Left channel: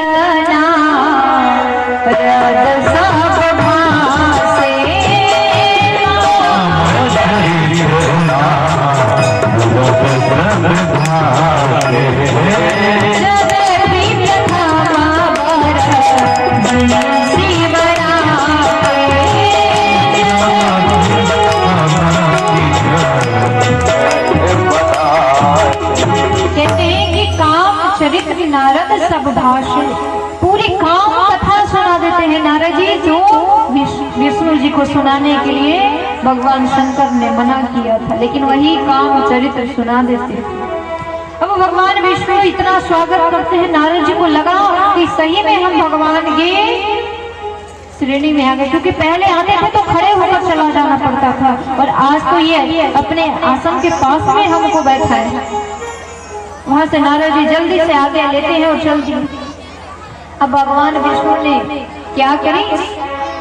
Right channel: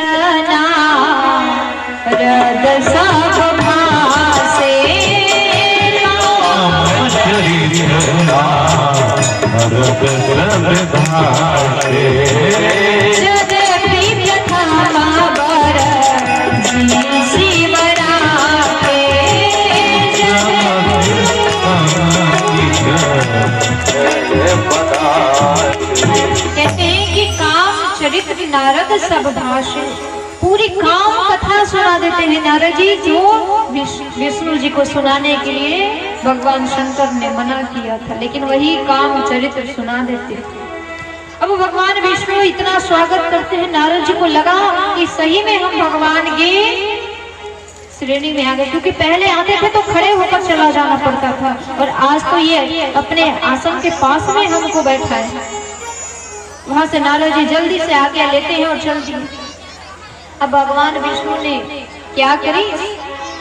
इतना रद सब भासे कहते हैं कि काम चरित्र नारद सब भाषे, पूरी काम कथा सुना देते हैं नारद जी, जो विष्णु जी को सुनाने के लिए भगवान शंकर ने मना किया था, लेकिन वही काम चरित्र सुना देते थे। अब भगवान विष्णु इतना स्वागत करते हैं, नारद जी को लगा कि सही में हम भगवान के श्रेणी में आ गए, क्योंकि पहले आते थे तो खड़े होकर चला जाना पड़ता था, और आज तो ये अपने आसन के पास में हमको बैठा है। वहां से नारद जी जल्दी से आज्ञा लेते हैं और चल दिए। अब भगवान विष्णु ने क्या करे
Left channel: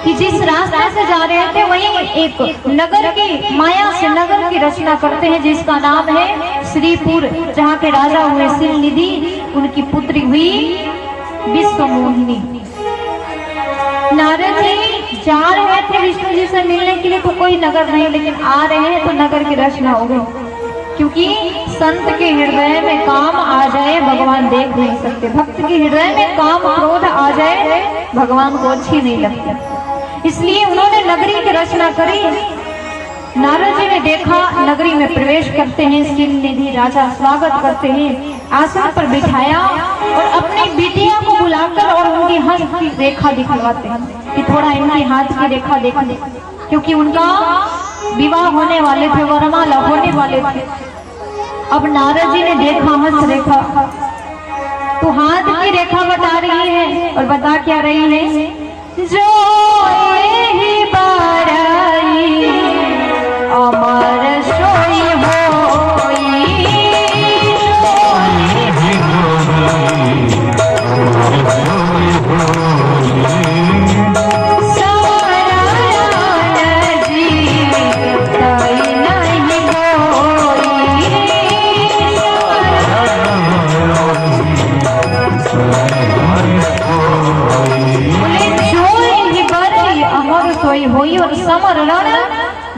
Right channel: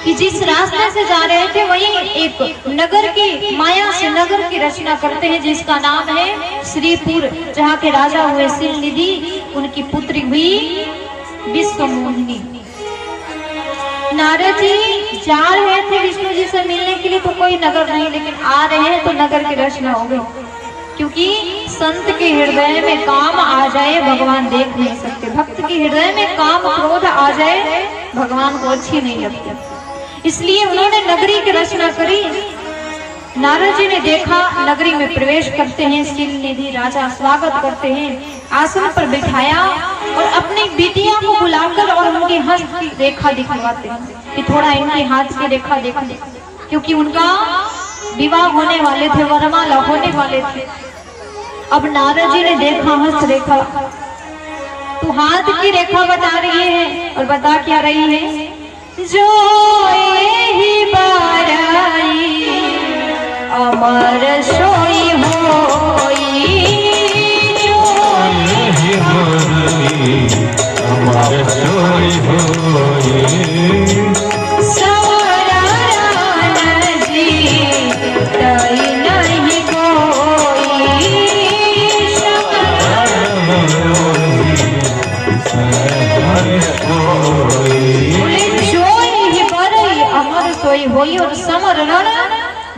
कि जिस रास्ते से जा रहे थे वही एक नगर की माया से नगर की रचना करते हैं, जिसका नाम है श्रीपुर, जहाँ के राजा हुए सिलनिधि, उनकी पुत्री हुई विश्वमोहिनी। नारद जी जा रहे थे विष्णु जी से मिलने के लिए, तो कोई नगर नहीं, लेकिन आ रहे हैं तो नगर की रचना हो गई, क्योंकि संत के हृदय में काम आ जाए भगवान देख नहीं सकते, भक्त के हृदय में काम क्रोध आ जाए भगवान को अच्छी नहीं लगती, इसलिए उन्होंने नगरी की रचना करी। नारद जी ने देखा, नगरी में प्रवेश करते हैं, सिलनिधि राजा स्वागत करते हैं, आसन पर बिठाया और अपनी बिटिया को बुलाकर और उनकी हाथ की रेखा दिखवाते हैं कि थोड़ा इनकी हाथ की रेखा देखा, क्योंकि उनका विवाह होने वाले थे, वरमाला होने वाले थे। अब नारद जी ने देखा हस्त रेखा, तो हाथ की रेखा बता रही है, और बता क्या रही है, जो ही बाराई अमर सोई होई,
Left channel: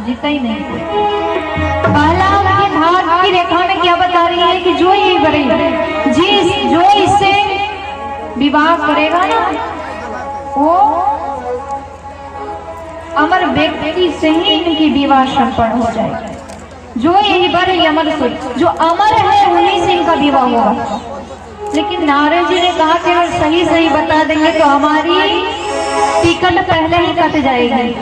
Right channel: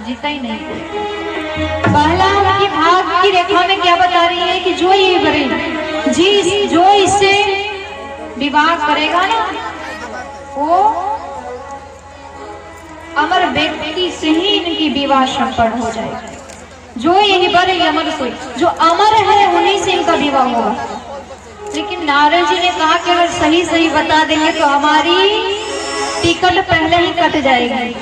जीता ही नहीं। पहला की भाग की रेखा में क्या बता रही है कि जो ये बड़ी जो इससे विवाह करेगा ना, वो अमर व्यक्ति से ही इनकी विवाह संपन्न हो जाएगा। जो ये बड़े अमर सोई, जो अमर है उन्हीं से इनका विवाह होगा। लेकिन नारद जी ने कहा कि अगर सही सही बता देंगे तो हमारी टिकट पहले ही कट जाएगी,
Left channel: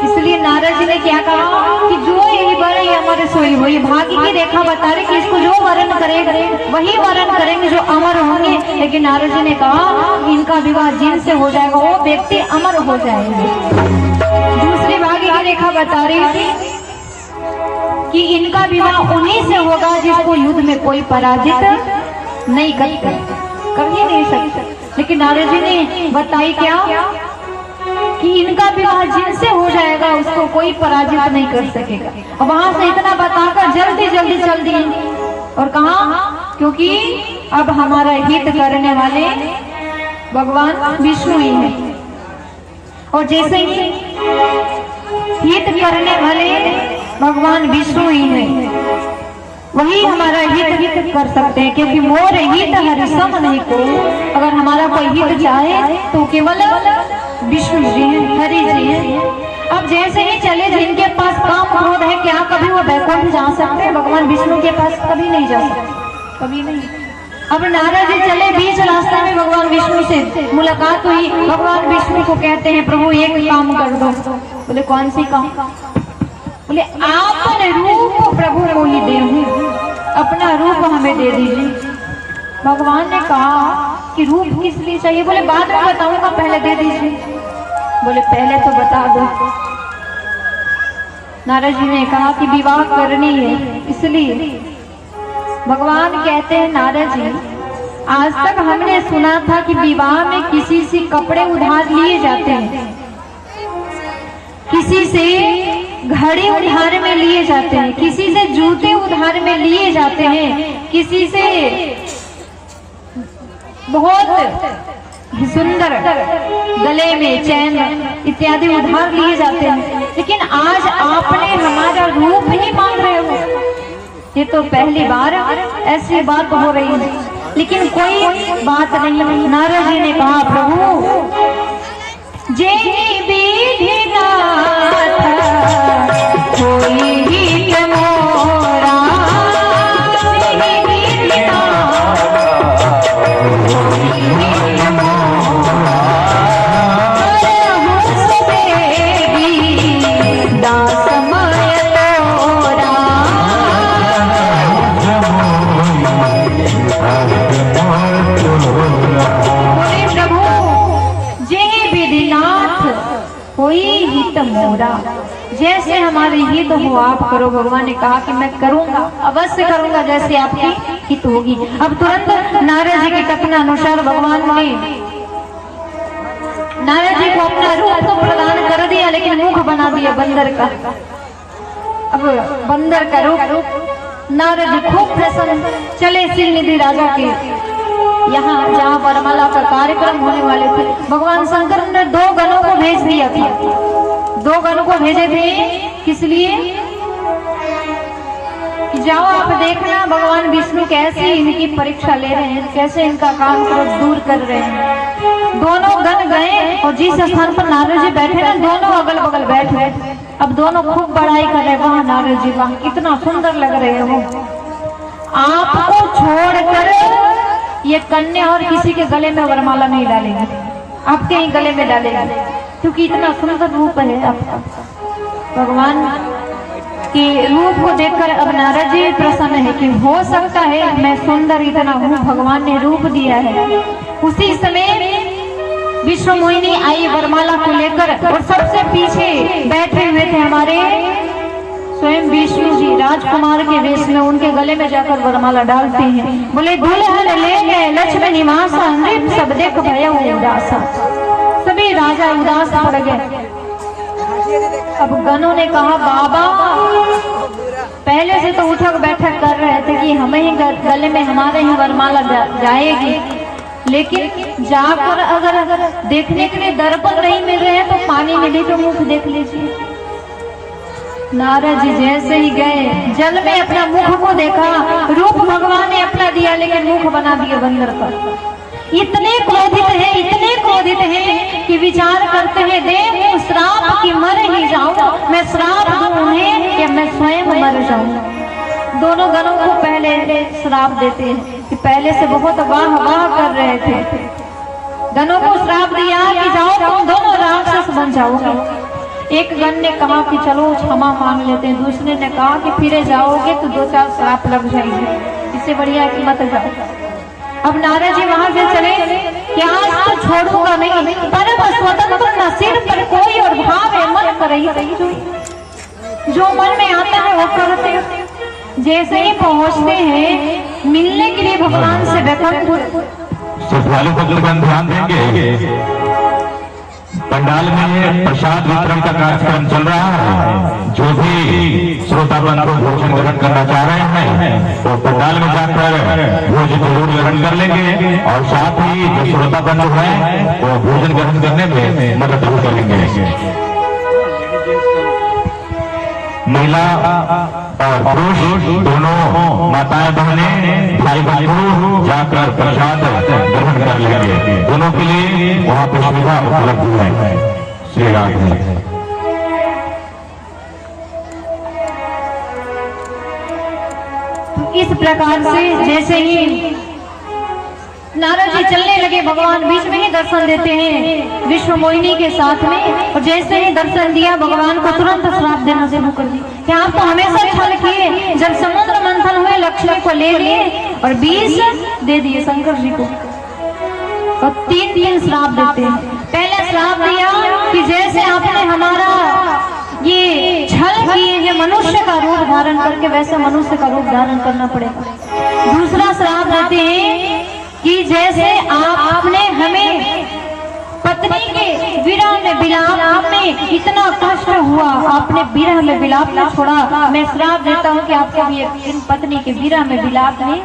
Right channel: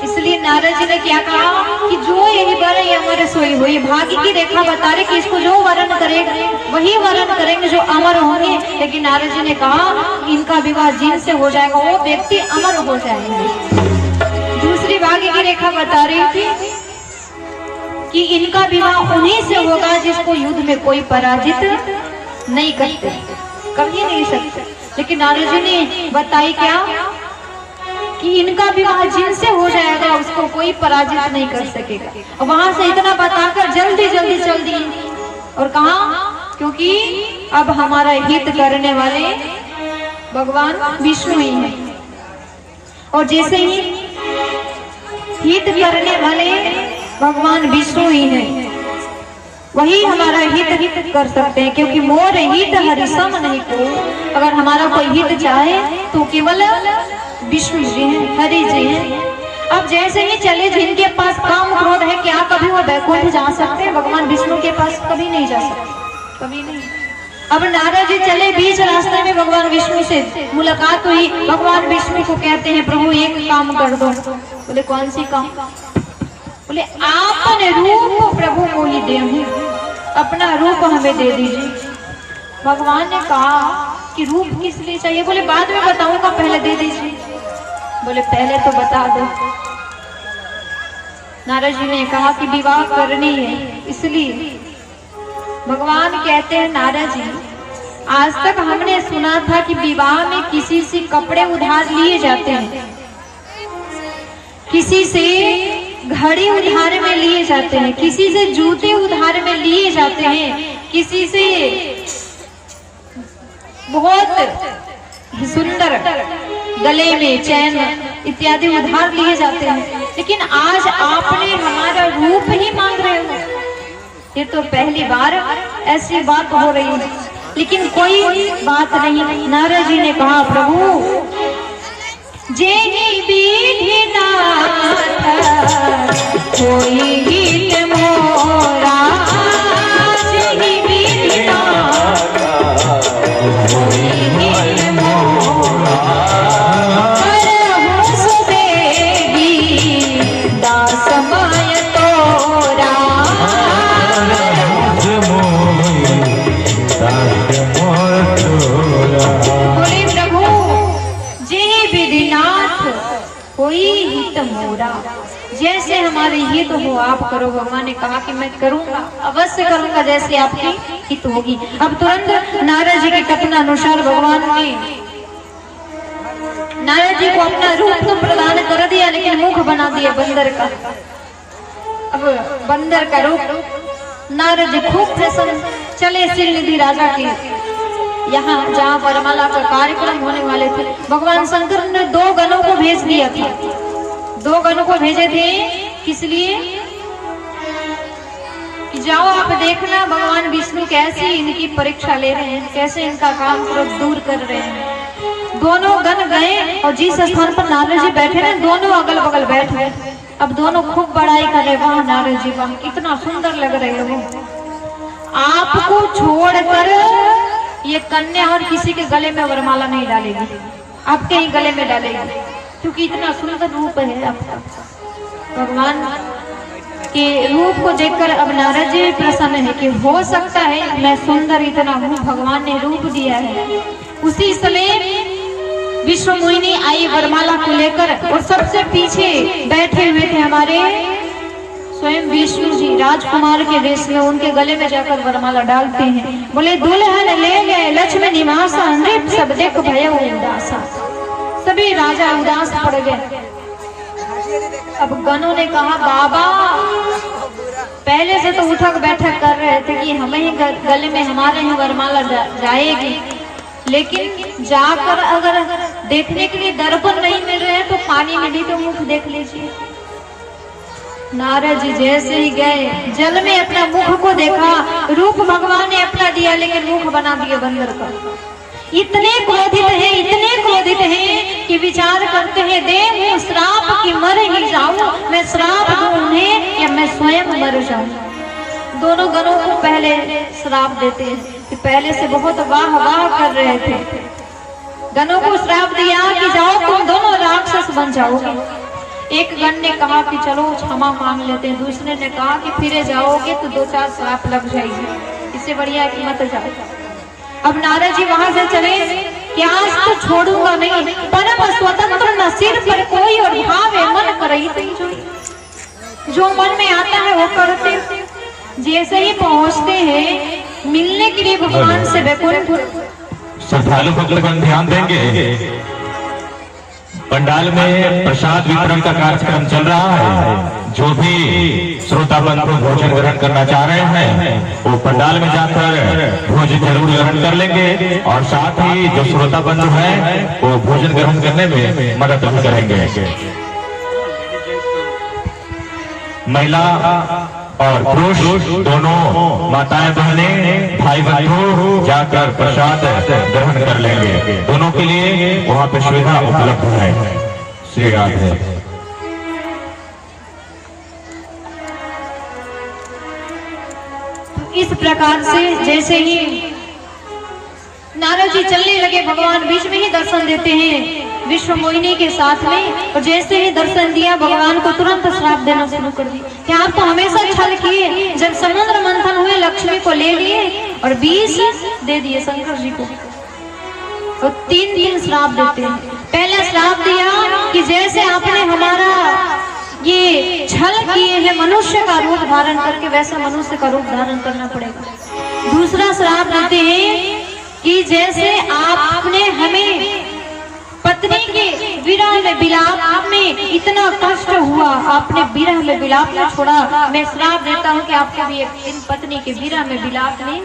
इसलिए नारद जी ने क्या कहा कि जो यही बड़े अमर सोई हुई, भाग्य की रेखा बता रहे कि इसको जो वरण करेगा वही वरण करेंगे जो अमर होंगे। लेकिन नारद जी ने कहा इनका विवाह जिनसे हो जाएगा वो व्यक्ति अमर हो जाएंगे। दूसरी भाग्य की रेखा बता रही थी कि इनका विवाह उन्हीं से होगा जिसको युद्ध में कोई पराजित नहीं करते, कभी नहीं सकता। लेकिन नारद जी ने बताई क्या कि इनका विवाह जिनसे हो जाएगा उसको कोई पराजित नहीं कर सकेगा। और वहां से इतना बताकर जल्दी जल्दी चल दिए, और कहा क्योंकि अब हमारा हित करने वाले भगवान विष्णु ही हैं, और जैसे ही हित करने वाले भगवान विष्णु ही हैं, वही हमारा हित कर सकते हैं, क्योंकि मोर हित हरि सम नहीं को। अगर हमारा कोई हित चाहे तो केवल विष्णु जी हैं, हरि जी हैं। अब जैसे ही चले, जिनके पास काम क्रोध है, क्या कभी वो वैकुंठ जा सकते हैं? भगवान विष्णु के पास कभी नहीं जा सकते, कभी नहीं। अब नारद जी चले, बीच रास्ते में भगवान विष्णु से मुलाकात हुई। भगवान विष्णु को कहते हैं प्रभु एक काम कर दो। बोले कौन सी काम? बोले आपने रूप प्रभु को ही दे, अपना रूप हमें दे दीजिए। भगवान ने कहा कि रूप किस लिए चाहिए? बोले बाद में बताऊंगा, पहले दे दीजिए। बोले पहले तो बता दो। नारद जी ने कहा कि विवाह करनी है, इसलिए भगवान कहते हैं नारद जी, आज तक हमने सुना था कि विवाह में किसी से कपड़े उधार लिए जाते हैं, किसी से घड़ी उधार में लिए जाते हैं, किसी से जूते उधार में लिए जाते हैं, किसी से बहुत सुंदर गले में चैन इत्यादि उधार लिए जाते हैं, लेकिन आज आपने हमारा रूप ही मांग रहे हो। ये तो पहली बार ऐसी बात हो रही है, लेकिन कोई बात नहीं। नारद जी ने कहा, प्रभु जेहि विधि नाथ कोई गीत मोरा, जेहि विधि नाथ कोई गीत मोरा, हरहु सुदेवी दास माय तोरा। बोले प्रभु जेहि विधि नाथ कोई हित मोरा, जैसे हमारे हित हो आप करो। भगवान ने कहा कि मैं करूंगा, अवश्य करूंगा जैसे आपकी हित होगी। अब तुरंत नारद जी के कथनानुसार भगवान ने नारद जी को अपना रूप तो प्रदान कर दिया, लेकिन मुख बना दिया बंदर का। अब बंदर का रूप नारद जी खूब प्रसन्न चले सिलनिधि राजा के यहाँ, जहाँ वरमाला का कार्यक्रम होने वाले थे। भगवान शंकर ने 2 गणों को भेज दिया था। 2 गणों को भेजे थे, किस लिए? जाओ आप देखना भगवान विष्णु कैसे इनकी परीक्षा ले रहे हैं, कैसे इनका काम क्रोध दूर कर रहे हैं। दोनों गण गए और जिस स्थान पर नारद जी बैठे ना, दोनों अगल बगल बैठे। अब दोनों खूब बड़ाई कर रहे, वहां नारद जी वहां कितना सुंदर लग रहे हो। आपको छोड़कर ये कन्या और किसी के गले में वरमाला नहीं डालेगी, आपके ही गले में डालेगी, क्योंकि इतना सुंदर रूप है आपका। भगवान के रूप को देखकर अब नारद जी प्रसन्न है कि हो सकता है मैं सुंदर इतना हूँ, भगवान ने रूप दिया है। उसी समय विश्व मोहिनी आई वरमाला को लेकर, और सबसे पीछे बैठे हुए थे हमारे स्वयं विष्णु जी राजकुमार के वेश में, उनके गले में जाकर वरमाला डालते हैं। बोले दुल्हन ले गए लक्ष्मण निवासा, नृप सब देख भय उदासा। सभी राजा उदास पड़ गए। अब गणों ने कहा, बाबा पहले से तो उठक बैठक कर रहे थे कि हमें ही गले में हमारे ही वरमाला जाएगी, लेकिन जाकर अगर देखने के लिए दर्पण नहीं मिल रहे हैं तो पानी में भी तो मुख देख लीजिए। नारद जी जैसे ही गए, जल में अपना मुख को देखा, रूप भगवान ने अपना दिया, लेकिन मुख बना दिया बंदर का। इतने क्रोधित है कि विचार करते हैं, देव श्राप की मर ही जाऊं, मैं श्राप दूं उन्हें या मैं स्वयं मर जाऊं। दोनों गणों को पहले श्राप देते हैं कि पहले से बहुत वाह कर रहे थे। गणों को श्राप दिया कि जाओ तुम दोनों राक्षस बन जाओगे। एक गण ने कहा कि चलो क्षमा मांग लेते हैं, दूसरे ने कहा कि फिरे जाओगे तो 2-4 श्राप लग जाएंगे, इससे बढ़िया है कि मत जाओ। अब नारद जी वहां से चले कि आज तो छोड़ूंगा नहीं, परम स्वतंत्र न सिर पर कोई और भाव है मन कर रही, जो मन में आता है वो करते हैं। जैसे ही पहुंचते हैं मिलने के लिए भगवान से बैकुंठ, श्रद्धालु भक्तगण ध्यान देंगे, पंडाल में प्रसाद वितरण का कार्यक्रम चल रहा है। जो भी श्रोता बंधु भोजन ग्रहण करना चाह रहे हैं तो पंडाल में जाकर भोजन जरूर ग्रहण कर लेंगे, और साथ ही जो श्रोता बंधु हैं वो भोजन ग्रहण करने में मदद भी करेंगे। महिला और पुरुष दोनों माताएं बहनें भाई बंधु जाकर प्रसाद ग्रहण कर लेंगे। दोनों के लिए वहाँ पर सुविधा उपलब्ध है। श्री राधे। इस प्रकार से जैसे ही नारद जी चलने लगे, भगवान बीच में ही दर्शन देते हैं विश्व मोहिनी के साथ में, और जैसे ही दर्शन दिया भगवान को तुरंत श्राप देना शुरू कर दिया कि आप तो हमेशा छल किए, जब समुद्र मंथन हुए लक्ष्मी को ले लिए और 20 दे दिए शंकर जी को, और 3 श्राप देते हैं। पहला श्राप दिया कि जैसे आपने हमारा ये छल किए हैं मनुष्य का रूप धारण करके, वैसे मनुष्य का रूप धारण करना पड़ेगा। दूसरा श्राप देते हैं कि जैसे आपने हमें पत्नी के विरह में विलाप में इतना कष्ट हुआ, आपने विरह में विलाप में छोड़ा, मैं श्राप देता हूँ कि आपको भी एक दिन पत्नी के विरह में विलाप में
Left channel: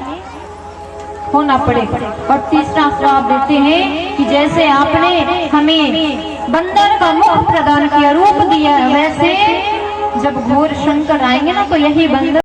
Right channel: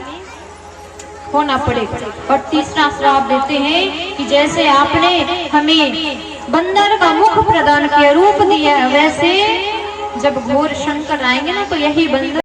होना पड़े। और तीसरा श्राप देते हैं कि जैसे आपने हमें बंदर का मुख प्रदान किया, रूप दिया, वैसे जब घोर संकट आएंगे ना तो यही बंदर